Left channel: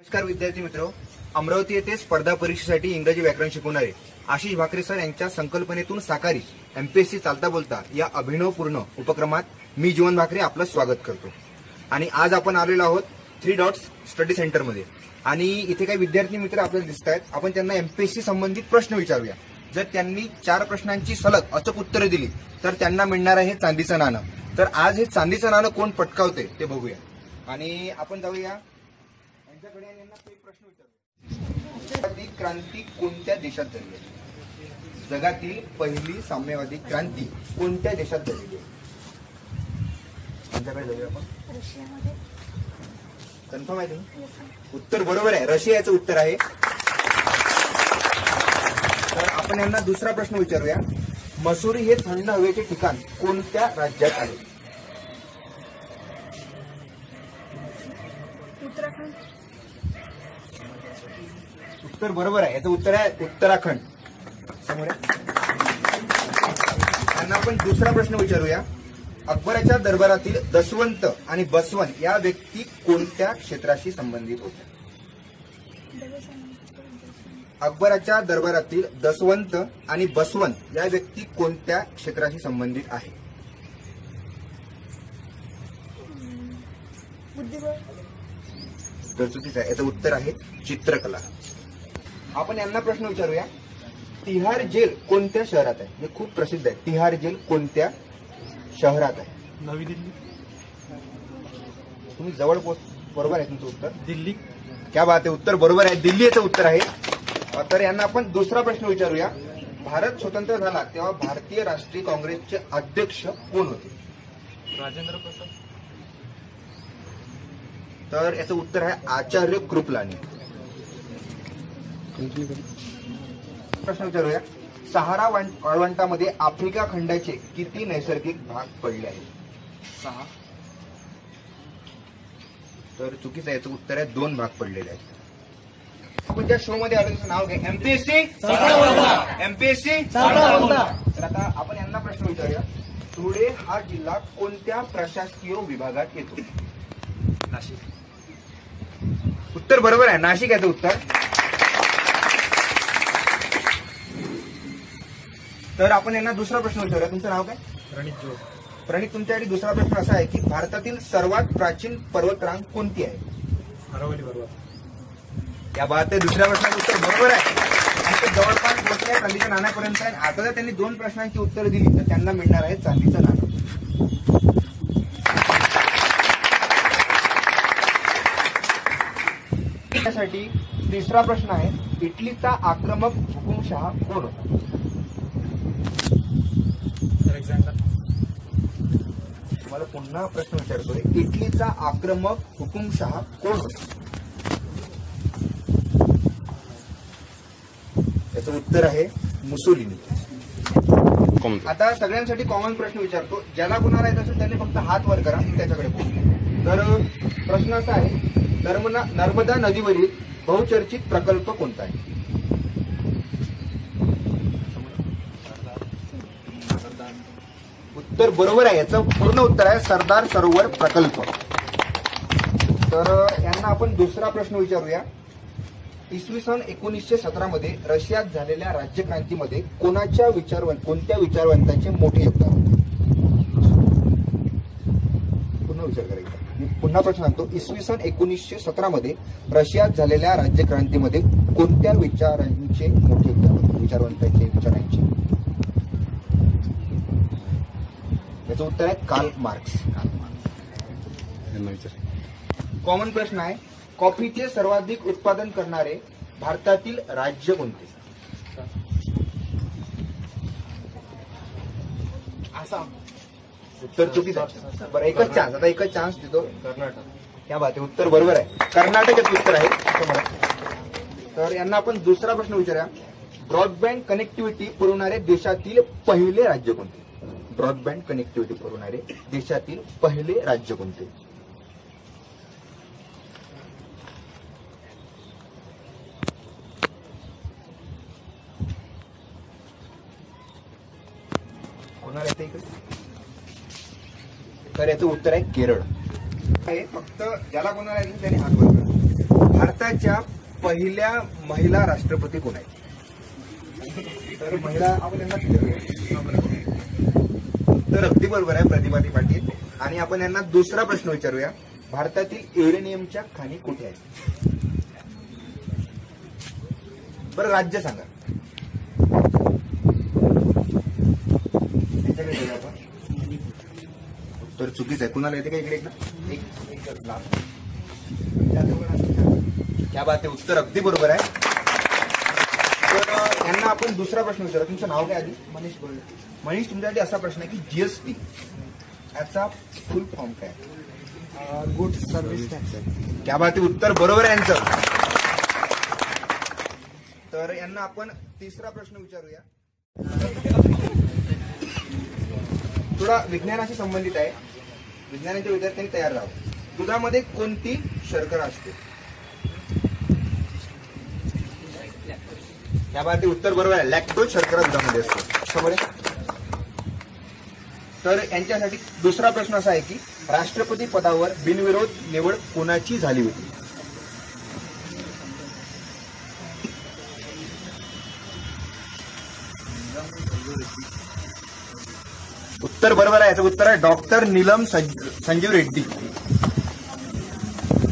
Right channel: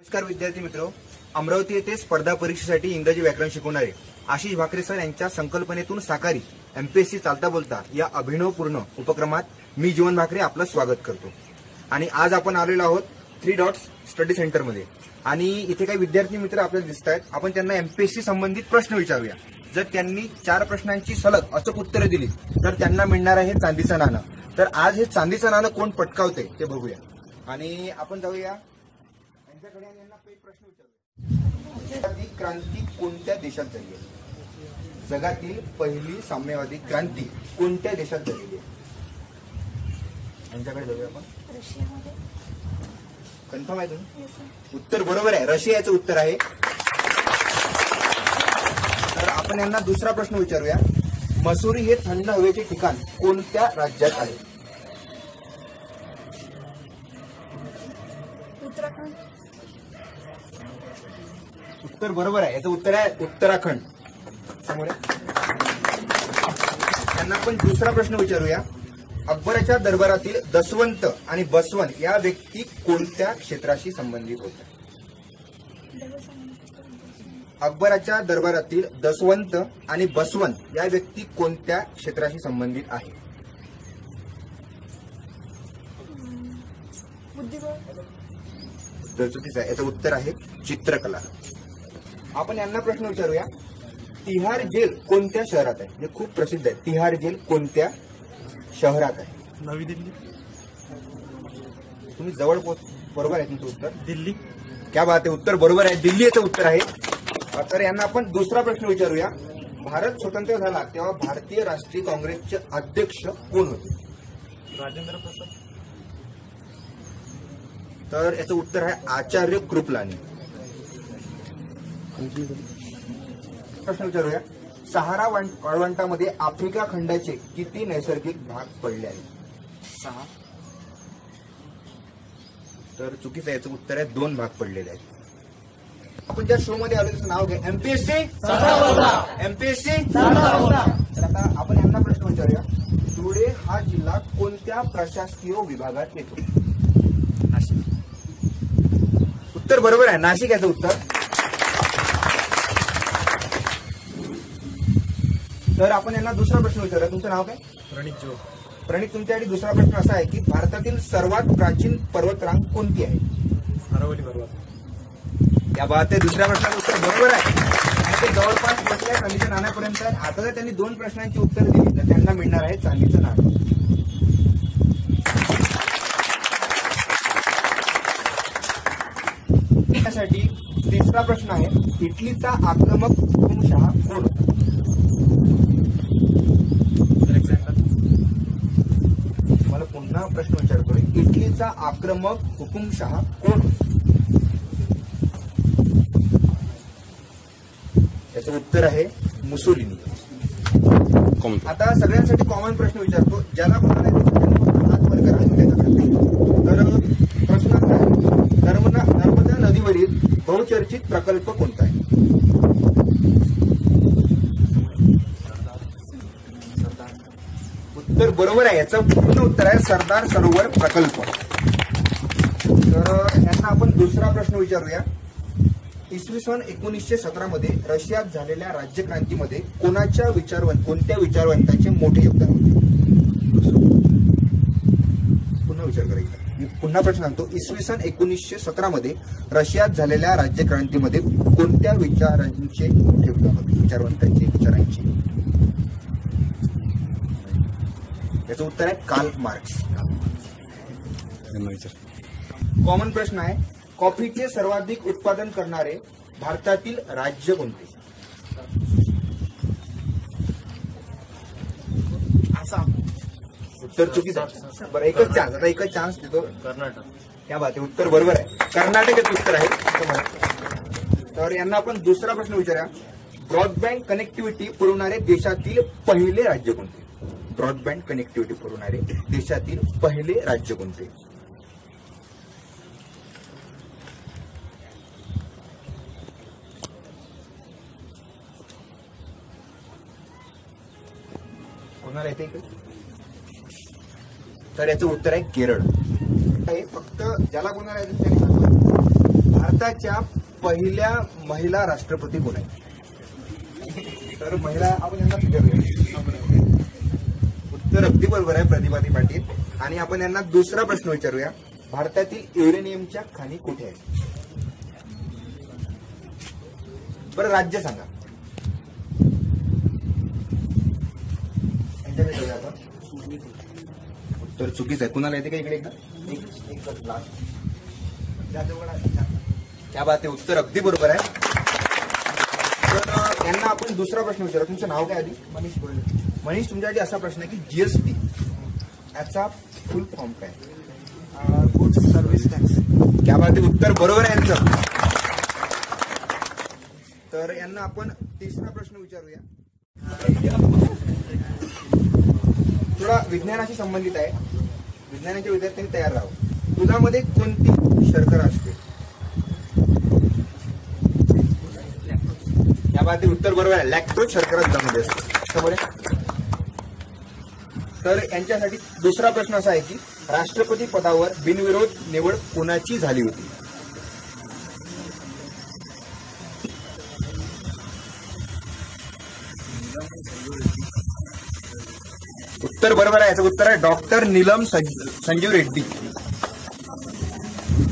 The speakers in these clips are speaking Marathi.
नमस्कार विद्यार्थी मित्रो, अमरावती येथे स्पर्धा परीक्षेसाठी इंग्रजी व्याकरण शिकवणारे आशिष भाकरे सर यांच्या संकल्पनेतून साकारी एमपीएससी चालता बोलता या अभिनवपूर्ण उपक्रमात मी जीवन भाकरे आपलं स्वागत करतो। आणि आज आपण आलेलो आहोत 3 डॉट्स स्टडी सेंटर मध्ये आणि इथे काही विद्यार्थी मित्र आपल्याला दिसत आहेत। आपण त्यांना एमपीएससी संबंधित प्रश्न विचारूया। जर त्यांनी 4 प्रश्नांची सलग अचूक उत्तरे दिली तर त्यांना मिळणार आहे चांदीचं नाणं। तर आज हे चांदीचं नाणं कोण पटकावते ते बघूया आणि आपण जाऊया यांच्याकडे आणि यांना एक प्रश्न विचारूया। साम्यवादी क्रांती कोणत्या देशात झाली आहे? जगातील पहिली साम्यवादी क्रांती कोणत्या देशात झालेली आहे? यांच्याकडे जाऊया आपण। रशियामध्ये। कन्फर्म आहे तुम्ही? उत्तर बरोबर आहे, रशियाचं उत्तर आहे। तर आपण यांना दुसरा प्रश्न विचारूया। मसुरी हे थंड हवेचे ठिकाण कोणत्या राज्यात आहे? उत्तराखंड। उत्तर बरोबर आहे, याचं उत्तर आहे उत्तराखंड। समोर त्यांना आपण दुसरा प्रश्न विचारूया। अकबराच्या दरबारातील दसवंत आणि बसवन या व्यक्ती कोणत्या क्षेत्राशी संबंधित होत्या? अकबराच्या दरबारातील दसवंत आणि बसवन या व्यक्ती कोणत्या क्षेत्राशी संबंधित आहे? बुद्धिबळ। उत्तर चुकीचं आहे, याचं उत्तर आहे चित्रकला। आपण यांना प्रश्न विचारूया। तिहार जेल कोणत्या शहरात आहे? हे खूप प्रसिद्ध आहे। तिहार जेल कोणत्या शहरात आहे? नवी दिल्ली। तुम्ही जवळ बरोबर आहे तुमचं उत्तर। दिल्ली। क्या बात आहे, उत्तर बरोबर आहे, दिल्ली याचं उत्तर आहे। तर यांना आपण दुसरा प्रश्न विचारूया। भारत स्वतंत्र झाला तेव्हा भारतीय राष्ट्रीय काँग्रेसचे अध्यक्ष कोण होते? राजेंद्र प्रसाद। तर याचं उत्तर आहे आचार्य कृपलानी। प्रश्न विचारूया। सहारा वाळवंटामध्ये आफ्रिका खंडाचे किती नैसर्गिक भाग पडले आहेत? 6। तर चुकीचं आहे, याचं उत्तर आहे 2 भाग पडलेले आहेत। आपण ज्या शो मध्ये आलो त्याचं नाव घ्या, एमपीएससी। एमपीएससी। तर आता आपण यांना प्रश्न विचारूया। धुळे हा जिल्हा कोणत्या प्रशासकीय विभागात येतो? नाशिक। उत्तर बरोबर आहे, नाशिक याचं उत्तर। तर आपण यांना दुसरा प्रश्न विचारूया। तुमचं नाव काय? प्रणित जोग। प्रणित, तुमच्यासाठी दुसरा प्रश्न असा आहे की भारतातील सर्वात प्राचीन पर्वतरांग कोणती आहे? अरवली पर्वत। त्या बात आहे, दुसऱ्या प्रश्नाचं उत्तर बरोबर आहे आणि ते जवळपास पोहोचल्या चांदीच्या नाण्यापर्यंत आहे। आता जर त्यांनी 2 प्रश्नांची उत्तरं दिली तर त्यांना मिळणार आहे चांदीचं नाणं। त्यासाठी तिसरा प्रश्न आहे, इटलीचा आक्रमक हुकुमशहा कोण होता? अलेक्झांडर। मला पुन्हा प्रश्न विचारतोय, इटलीचा आक्रमक हुकुमशहा कोण होता? याचं उत्तर आहे मुसोलिनी। आता सगळ्यांसाठी कॉमन प्रश्न विचारतो, ज्याला कोणाला येत असेल त्यांनी फक्त हात वर करा, त्याच्याकडे। तर प्रश्न असा आहे, नर्मदा नदीवरील बहुचर्चित प्रकल्प कोणता आहे? उत्तर बरोबर आहे, याचं पूर्ण उत्तर आहे सरदार सरोवर प्रकल्प। तर यांना आपण दुसरा प्रश्न विचारूया। इसवी सन 1917 मध्ये रशियात झालेल्या राज्यक्रांतीमध्ये कोणत्या विचारवंतांचे मोठे योगदान होते? पुन्हा विचार करायचा, मी पुन्हा प्रश्न सांगतो। इसवी सन 1917 मध्ये रशियात झालेल्या राज्यक्रांतीमध्ये कोणत्या विचारांचे मोठे योगदान होते? विचारवंतांचे, विचारांचे। याचं उत्तर आहे कार्ल मार्क्स। कॉमन प्रश्न आहे, कॉफीचे सर्वाधिक उत्पादन करणारे भारतातील राज्य कोणते? आसाम। उत्तर चुकीचं आहे. बरं, एकच चान्स, आता एकच चान्स देतो. कर्नाटक. क्या बात आहे, उत्तर बरोबर आहे. कर्नाटकाचे उत्तर आहे असं म्हणा. तर यांना आपण दुसरा प्रश्न विचारूया. ब्रॉडबँड कनेक्टिव्हिटी पुरवणारे देशातील पहिले राज्य कोणते? ब्रॉडबँड कनेक्टिव्हिटी पुरवणारे देशातील पहिले राज्य कोणते? कोणाला येते इकडे? तर याचं उत्तर आहे केरळ. फक्त ज्याला कोणाला येईल त्याने हात वर करा. भारताच्या पहिल्या महिला राष्ट्रपती कोण आहेत? तर महिला आपण यांना विचारूया. तर अगदी बरोबर आहे प्रतिभाती पाटील. आणि आपण यांना दुसरा प्रश्न विचारूया. भारतातील युरेनियमच्या खाणी कुठे आहेत? बरं, राज्य सांगा. यांच्याकडे जाऊया आपण. उत्तर चुकीचं आहे. कुणाला येते का इकडे? एकदा लास्ट. क्या बात आहे, उत्तर अगदी बरोबर आहे. तर यांना आपण दुसरा प्रश्न विचारू. तुमचं नाव काय आधी? मनीष बोल. मनीष, तुमच्यासाठी असा प्रश्न आहे की जीएसटी याचा फुल फॉर्म काय? Goods service tax. क्या बात आहे, उत्तर बरोबर आहे यांचं. तर यांना आपण तिसरा प्रश्न विचारूया. थोडा विज्ञानाशी संबंधित आहे. विज्ञानाच्या विद्यार्थ्यांनी तयार राहावं. दुधामध्ये कोणती शर्करा असते? या बाबतीत उत्तर बरोबर आहे. लॅक्टोज शर्करा दुधामध्ये असते. समोर. तर यांच्यासाठी दुसरा प्रश्न असा आहे की राष्ट्रपती पदावर बिनविरोध निवड कोणाची झाली होती? उत्तर बरोबर आहे. याचं उत्तर आहे डॉक्टर नीलम संजीव रेड्डी.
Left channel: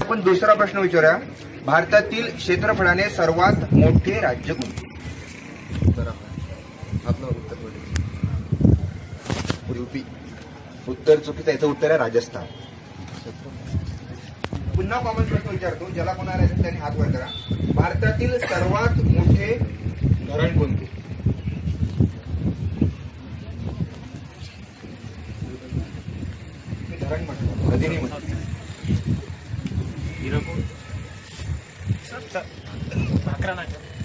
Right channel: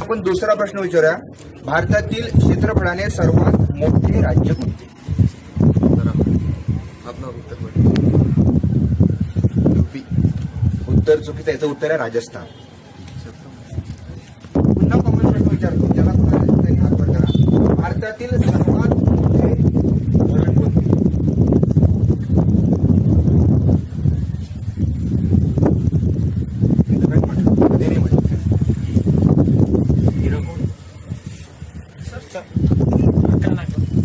आपण दुसरा प्रश्न विचारूया. भारतातील क्षेत्रफळाने सर्वात मोठे राज्य कोणते? आपलं उत्तर प्रदेश. यूपी. उत्तर चुकीचं. याचं उत्तर आहे राजस्थान. पुन्हा कॉमन प्रश्न विचारतो. ज्याला कोणाला त्यांनी हात वर करा. भारतातील सर्वात मोठे धरण कोणते? धरण म्हटलं, नदी नाही म्हटलं.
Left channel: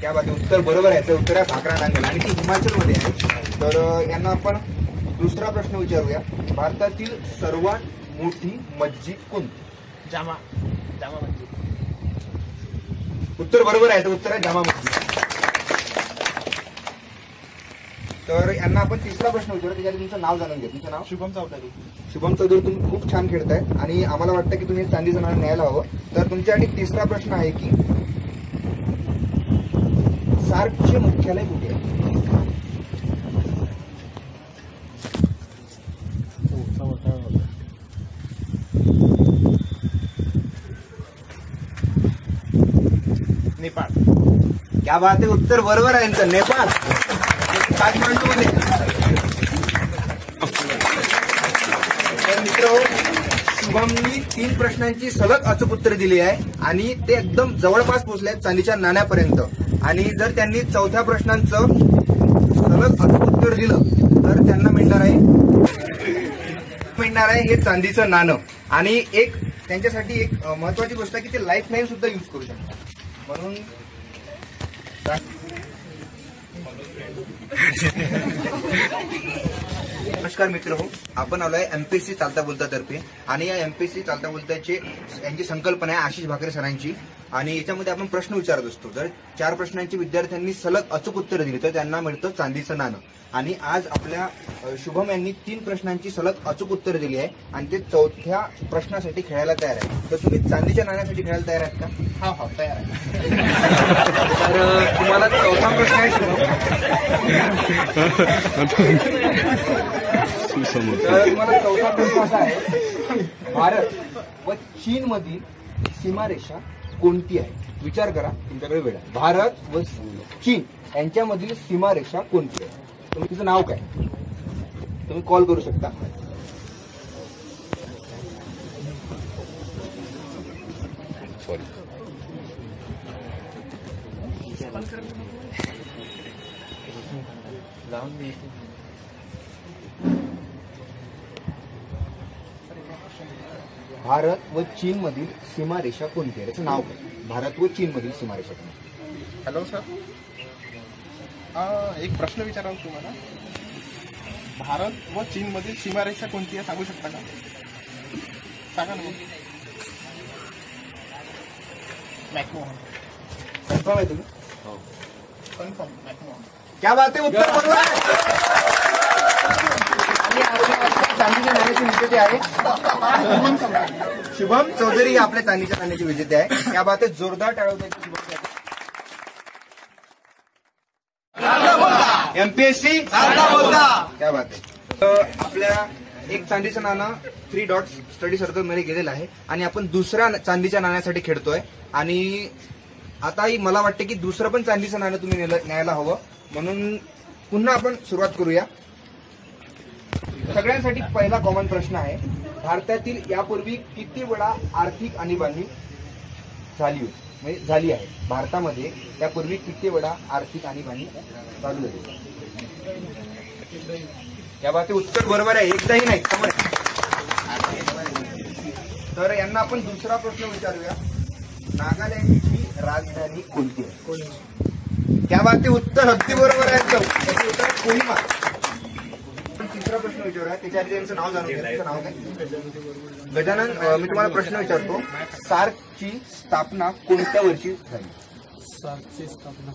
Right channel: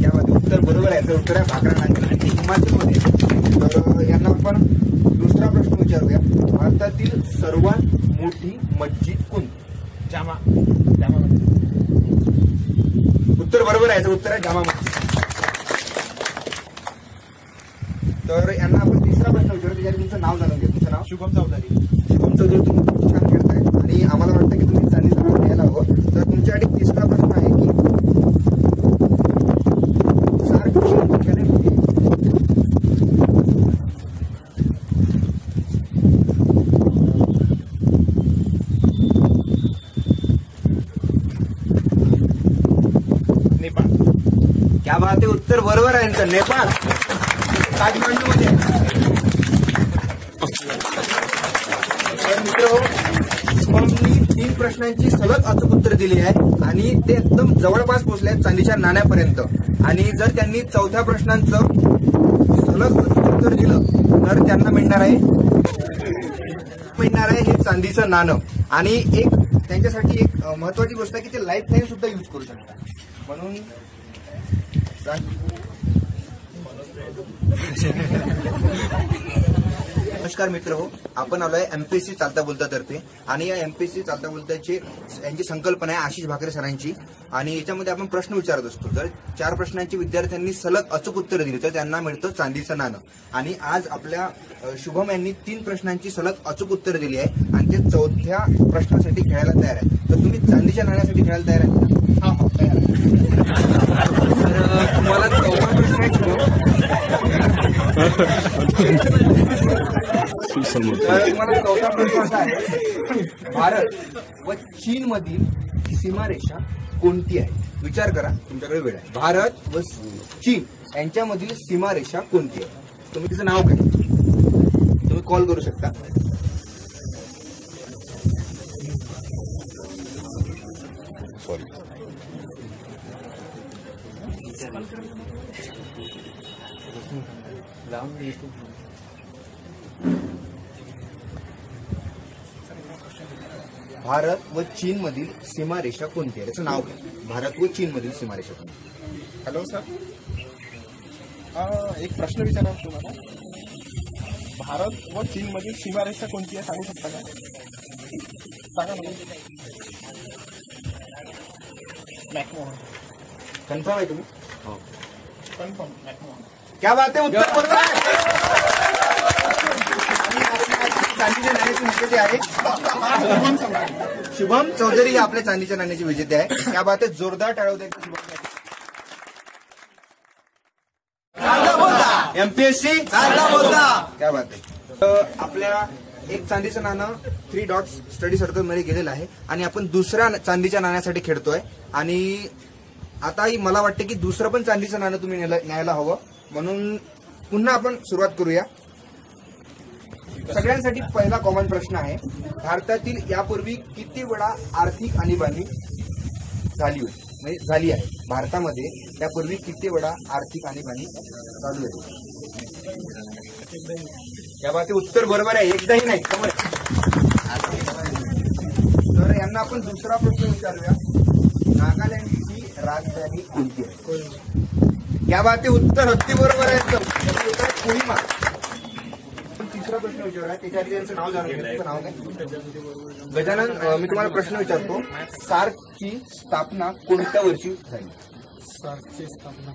या बाबतीत उत्तर बरोबर आहे. याचं उत्तर आहे भाकरा नांगल आणि ते हिमाचलमध्ये आहे. तर यांना आपण दुसरा प्रश्न विचारूया. भारतातील सर्वात मोठी मस्जिद कोणती? जामा मस्जिद. उत्तर बरोबर आहे. याचं उत्तर आहे जामा मस्जिद. तर यांना आपण तिसरा प्रश्न विचारू. त्याच्यासाठी तुमचं नाव जाणून घ्या. तुमचं नाव? शुभम चौधरी. शुभम चौधरी, तुम्ही खूप छान खेळताय आणि आम्हाला वाटतं की तुम्ही चांदीचं नाणं न्यायला हवं. तर तुमच्यासाठी तिसरा प्रश्न आहे की सार्कचे मुख्यालय कुठे आहे? नेपाळ. क्या बात आहे, उत्तर बरोबर आहे यांचं. नेपाळ, काठमांडू मध्ये. तर मित्र, शुभमनी 3 प्रश्नांची सलग अचूक उत्तर दिली आहे आणि ते एकदम जवळपास पोहोचले आहेत चांदीच्या नाण्यापर्यंत. आणि जर त्यांनी चौथ्या प्रश्नांचं सलग अचूक उत्तर दिलं तर त्यांना मिळणार आहे हे चांदीचं नाणं. आणि एक त्यांच्यासाठी एक महत्वाची गोष्ट आहे की ते लाईफ टाईम सुद्धा यूज करू शकतात. म्हणून नमस्कार मित्र हो, आपण आलोय एमपीएससी चालता बोलता तर्फे. आणि या एमपीएससी चालता बोलताची यांची संकल्पना आहे आशिष भाकरे सरांची. आणि याच्यामध्ये आपण प्रश्न विचारत असतो. जर 4 प्रश्नांची विद्यार्थ्यांनी सलग अचूक उत्तर दिली तर त्यांना मिळतं चांदीचं नाणं. आणि आज आपल्या शुभम यांनी 3 प्रश्नांची सलग अचूक उत्तर दिली आहे आणि ते चौथ्या प्रश्नासाठी खेळायला तयार आहे. तर तुम्ही चांदीच्या नाण्यासाठी खेळायला तयार आहे का? हा तयार आहे. तर तुम्हाला चौथा प्रश्न आहे तर तुम्हाला चौथा प्रश्न असा आहे, भारत व चीन मधील सीमारेषा कोणती आहे? विचार करा, तुमच्याकडे वेळ आहे. भारत व चीन यांच्यामधील सीमारेषा कोणती आहे? तुम्ही तिचं नाव काय? तुम्ही कॉल करू शकता. सॉरी. भारत व चीन मधील सीमारेषा कोणती आहे? त्याचं नाव काय? भारत व चीन मधील सीमारेषा कोणती? हॅलो सर, एक प्रश्न विचारावा तुम्हाला. भारत व चीन मधील सीमारेषा कोणती आहे सांगू शकता का? सांगा ना मग. मॅकमोहन. कन्फर्म आहे तुम्ही? Confirm McMahon. क्या बात आहे, उत्तर बरोबर आहे. आणि आपल्या चांदीच्या नाण्याचे विजेते आहे शुभम चौधरी, हे आपल्या चांदीच्या नाण्याचे विजेते आहे. क्या बात आहे, जोरदार टाळवत एमपीएससी क्या बात आहे. आपल्या एक चांदीचं नाणं 3 डॉट्स स्टडी सर्कल मध्ये गेलेलं आहे आणि आपण दुसऱ्या चांदीच्या नाण्यासाठी खेळतोय. आणि आताही मला वाटते की दुसरं पण चांदीचं नाणं तुम्ही न्यायला हवं, म्हणून पुन्हा आपण सुरुवात करूया. सगळ्यांसाठी पहिला कॉमन प्रश्न आहे, भारतातील यापूर्वी किती वेळा आर्थिक आणीबाणी झाली होती, म्हणजे झाली आहे? भारतामध्ये यापूर्वी किती वेळा आर्थिक आणीबाणी चालू होती? या बाबतीत उत्तर बरोबर आहे, एकदाही नाही. तर यांना आपण दुसरा प्रश्न विचारूया, नागालँडची राजधानी कोणती आहे? या बाबतीत उत्तर अगदी बरोबर आहे, त्याचे उत्तर आहे कोहिमा. तिसरा प्रश्न विचारूया, त्याच्या आधी त्यांचं नाव जाणून घ्या. त्याचं नाव काय? गजानन, मी तुम्हाला प्रश्न विचारतो, सार्कची स्थापना कोणत्या वर्षी झाली? सार्कची स्थापना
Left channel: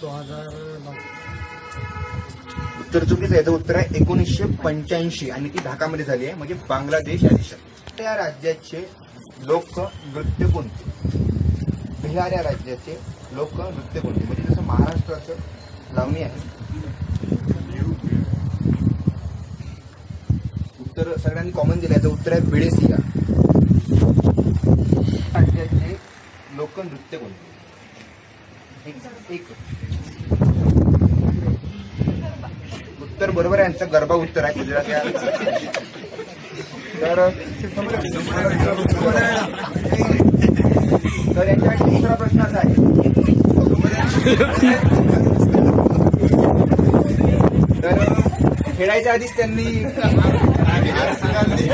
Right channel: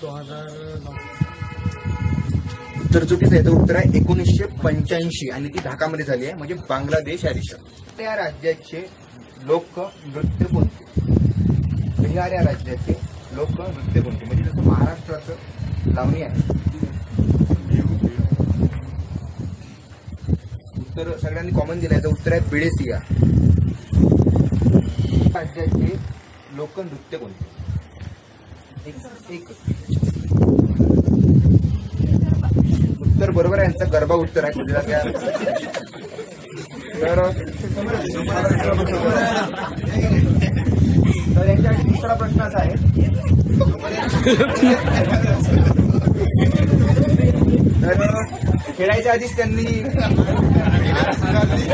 2009. उत्तर चुकीचं आहे. याचं उत्तर आहे 1985 आणि ती ढाकामध्ये झाली आहे, म्हणजे बांगलादेश या देशात. त्या राज्याचे लोकनृत्य कोणते? बिहार या राज्याचे लोकनृत्य कोणते? म्हणजे जसं महाराष्ट्राचं लावणी आहे. उत्तर सगळ्यांनी कॉमन दिलं. याचं उत्तर आहे बेडेसिया. राज्याचे लोकनृत्य कोणते? एक उत्तर बरोबर आहे यांचं, गरबा उत्तर आहे गुजरात या. तर यांच्यासाठी दुसरा प्रश्न असा आहे, तर खेळायच्या आधीच त्यांनी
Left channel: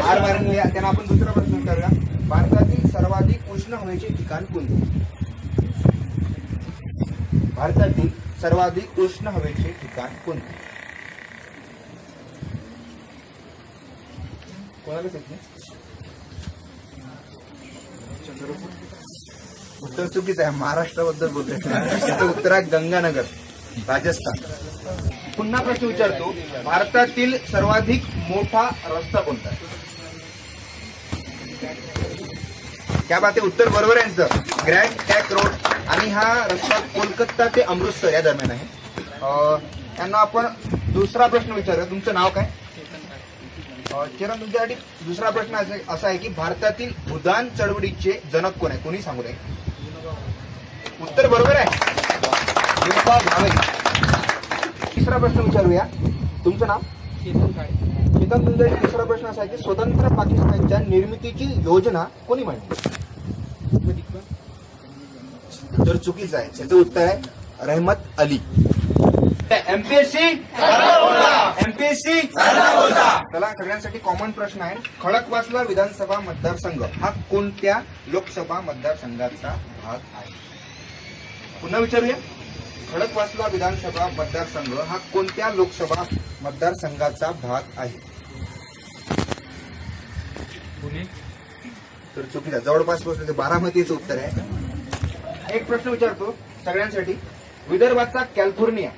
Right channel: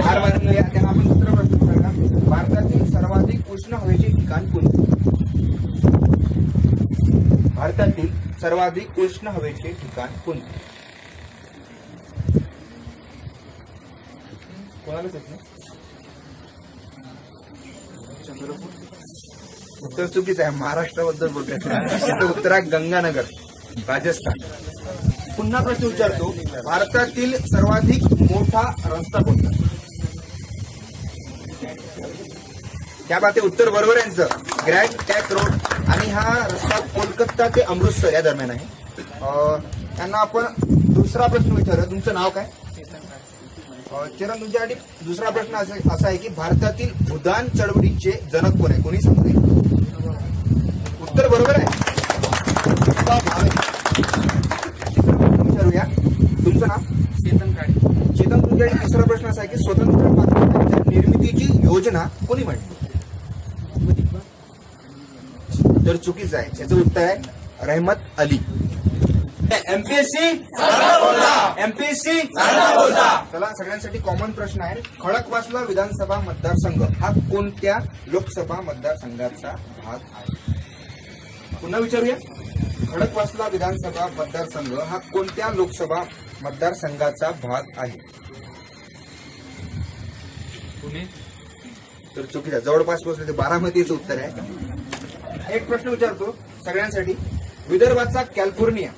हार मारली. त्यांना आपण दुसरा प्रश्न विचारूया, भारतातील सर्वाधिक उष्ण हवेचे ठिकाण कोणते? भारतातील सर्वाधिक उष्ण हवेचे ठिकाण कोणते? कोणालाच येत नाही? चंद्रपूर. उत्तर चुकीचं आहे, महाराष्ट्राबद्दल बोलतोय. त्याचं उत्तर आहे गंगानगर, राजस्थान. पुन्हा प्रश्न विचारतो, भारतातील सर्वाधिक मोठा रस्ता कोणता? त्या बाबतीत उत्तर बरोबर आहे यांचं, ग्रँड ट्रँक रोड. आणि हा रस्ता कोलकाता ते अमृतसर या दरम्यान आहे. त्यांना आपण दुसरा प्रश्न विचारूया, तुमचं नाव काय? चरण, तुमच्यासाठी दुसरा प्रश्न असा आहे की भारतातील भूदान चळवळीचे जनक कोण आहे? कोणी सांगू नये. उत्तर बरोबर आहे, भावे. तिसरा प्रश्न विचारूया, तुमचं नाव? चेतन काळे. चेतन, तुमच्यासाठी तिसरा प्रश्न असा आहे की स्वतंत्र पाकिस्तानच्या निर्मितीची योजना कोणी मांडली? तर चुकीचं आहे, याचं उत्तर आहे रहमत अली. MPSC MPSC. चला, सगळ्यांसाठी कॉमन प्रश्न आहे, खडकवासला विधानसभा मतदारसंघ हा कोणत्या लोकसभा मतदारसंघाचा भाग आहे? पुन्हा विचारूया, खडकवासला विधानसभा मतदारसंघ हा कोणत्या लोकसभा मतदारसंघाचा भाग आहे? पुणे. तर चुकीचा, जवळपास पोहोचले, ते बारामतीचं उत्तर आहे. एक प्रश्न विचारतो सगळ्यांसाठी, विदर्भाचा कॅलिफोर्निया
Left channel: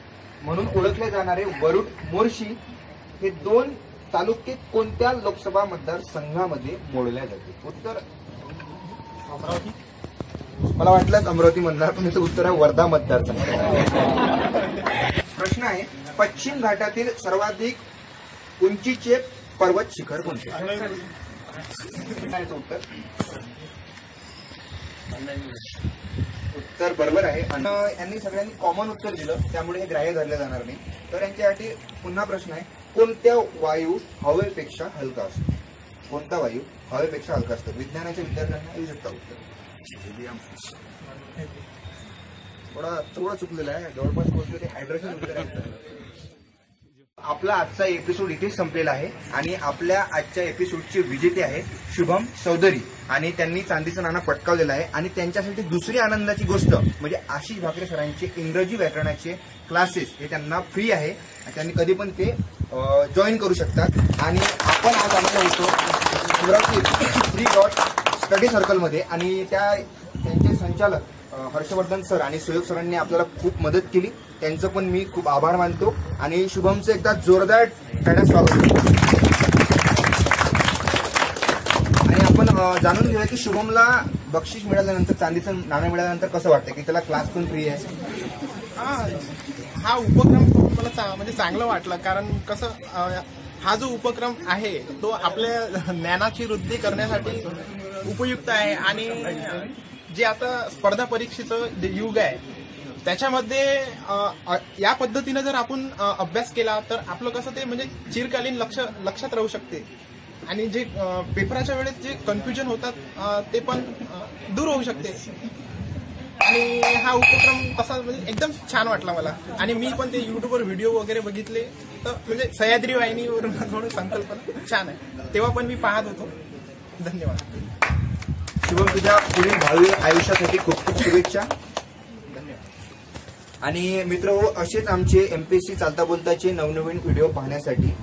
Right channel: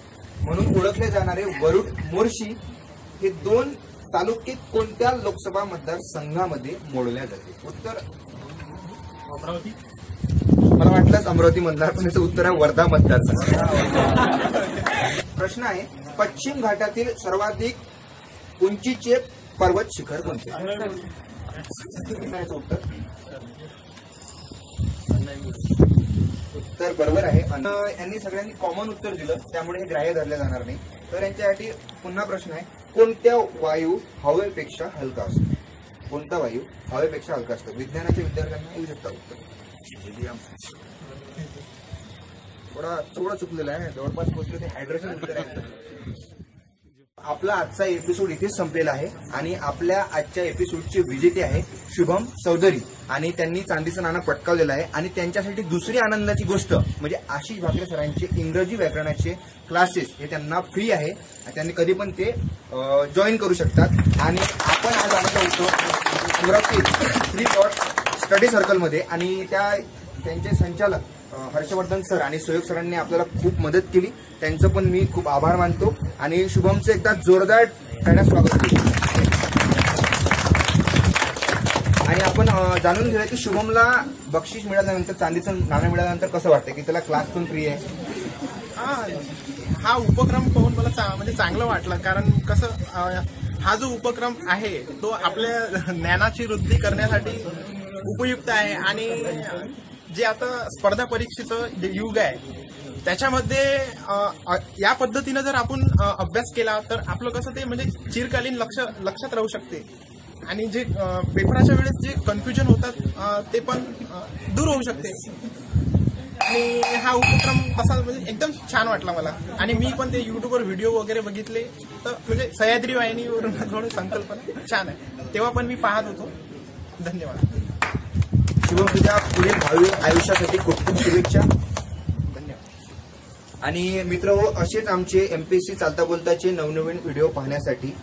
म्हणून ओळखले जाणारे वरुड, मोर्शी हे 2 तालुके कोणत्या लोकसभा मतदारसंघामध्ये मोडल्या जाते? उत्तर अमरावती. मला वाटलंच अमरावती मतदार, पण याचं उत्तर आहे वर्धा मतदारसंघ. प्रश्न आहे, पश्चिम घाटातील सर्वाधिक उंचीचे पर्वत शिखर कोणते? उत्तर उत्तर बरोबर आहे. यांनी सगळ्यांनी कॉमन उत्तर दिलं, त्यामुळे हे ग्राह्य धरले जाणार नाही. तर यांच्यासाठी पुन्हा प्रश्न आहे, कोणत्या वायू हवेपेक्षा हलका असतो? कोणता वायू हवेपेक्षा हलका असतो? विज्ञानाच्या विद्यार्थ्यांना येऊ शकता उत्तर. थोडा चुकलेला आहे, जवळपास पोहोचले, ते हायड्रोजन उत्तर आहे. आपला आजचा एपिसोड इथेच संपलेला आहे आणि आपल्या आजच्या एपिसोडचे विजेते आहे शुभम चौधरी आणि त्यांनी चांदीचं नाणं पटकावलेलं आहे. आणि त्यांच्यासाठी दुसरी आनंदाची गोष्ट म्हणजे आशिष भाकरे सरांचे इंग्रजी व्याकरणाचे क्लासेस हे त्यांना फ्री आहे. त्यांनी कधी पण ते जॉईन करू शकतात. आणि आपण आज आलेलो होतो अमरावती 3 स्टडी सर्कलमध्ये आणि त्यांचे संचालक हर्षवर्धन सर आणि सुयोग सरांनी आपल्याला खूप मदत केली. त्यांचं पण मी खूप आभार मानतो आणि शुभमचं एकदा जोरदार टाळ्या स्वागत करतो. आणि आपण जाणून घेऊया की शुभमला बक्षीस मिळाल्यानंतर चांदीचं नाणं मिळाल्यानंतर कसं वाटतं की त्याला क्लास पण फ्री आहे. हा उपक्रम पाहून मला म्हणजे चांगलं वाटलं. कारण कसं हा जो उपक्रम आहे तो आपल्या ज्ञानाची वृद्धी करण्यासाठी उपयुक्त आहे. आणि जे आता स्पर्धा परीक्षेचं जे युग आहे त्याच्यामध्ये या पद्धतीनं जर आपण अभ्यास केला तर आपलं कसं ते म्हणजे चिरकालीन लक्षात राहू शकते. आणि जे पेपराच्या वेळेस जे कन्फ्युजन होतात ते पण दूर होऊ शकते. आणि हा उपक्रम तसा म्हणजे एकदम छान वाटला मला. आणि मी पण ते युट्यूबवर व्हिडिओ वगैरे बघितले तर म्हणजे सह्याद्री वाहिनीवरून थोडं संकल्पना छान आहे. तेव्हा पण मी पाहत होतो. धन्यवाद. शुभम तुझ्या पुढील भावी आयुष्यासाठी खूप खूप शुभेच्छा. आणि मित्र असेच आमचे एमपीएससी चालता बोलताचे नवनवीन व्हिडिओ पाहण्यासाठी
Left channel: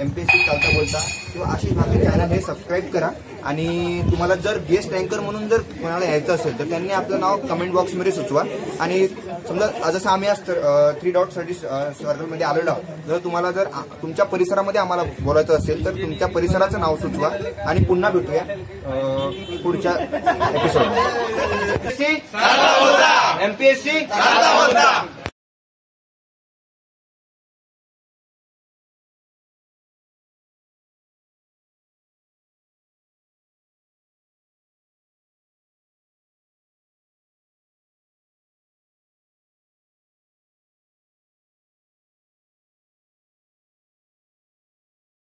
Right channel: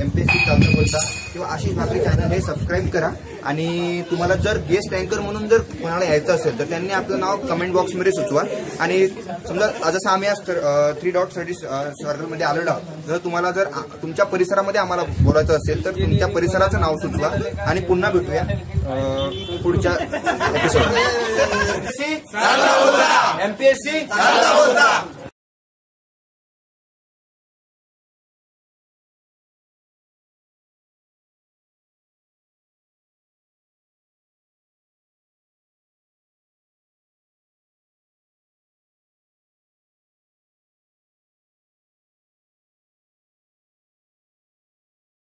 एमपीएससी चालता बोलता किंवा आशिष भाकरे चॅनल हे सबस्क्राईब करा. आणि तुम्हाला जर गेस्ट अँकर म्हणून जर कोणाला यायचं असेल तर त्यांनी आपलं नाव कमेंट बॉक्समध्ये सुचवा. आणि समजा जसं आम्ही आज 3 स्टडी सर्कलमध्ये आलेलो आहोत, जर तुम्हाला जर तुमच्या परिसरामध्ये आम्हाला बोलायचं असेल तर तुमच्या परिसराचं नाव सुचवा. आणि पुन्हा भेटूया पुढच्या एपिसोड. एमपीएससी